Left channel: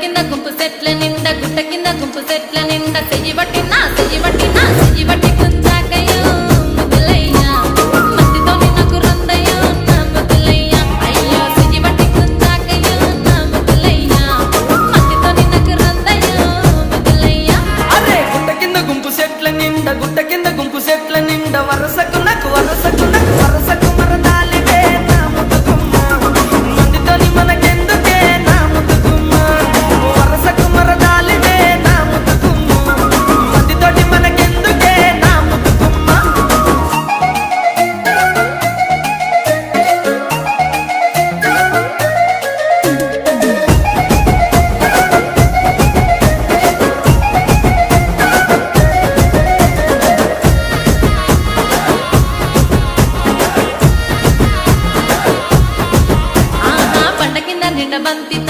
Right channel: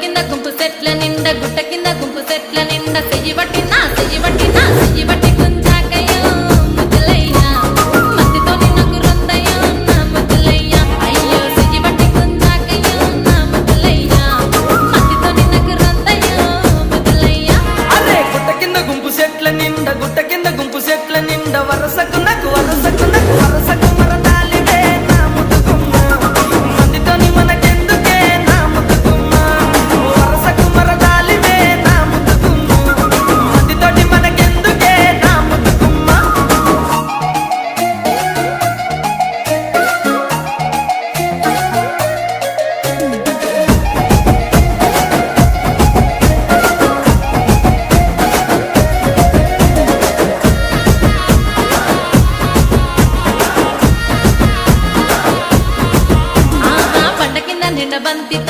కింద గుంపు సెట్ల నిండా గుట్ట కింద గుంపు సెట్ల నిండా చెయ్యి బట్టి గుంజాకయ్యో ముద్దులయ్యా మందితో నాకు రొందయ్యో నా ముద్దులయ్యా అయ్యో చెయ్యి బట్టి గుంజాకయ్యో నా ముద్దులయ్యా మందితో నాకు రొందయ్యో ముద్దులయ్యా. అరే గుట్ట కింద గుంపు సెట్ల నిండా వరసకు మరదాలివే నా ముద్దుగుమ్మ మందితోని మనకెందుకే నా ముద్దుగుమ్మ వరసకు మరదాలివే నా ముద్దుగుమ్మ మందితోటి మనకెందుకే నా ముద్దుగుమ్మ. ఆహా పంట కింద నిండ బంతితో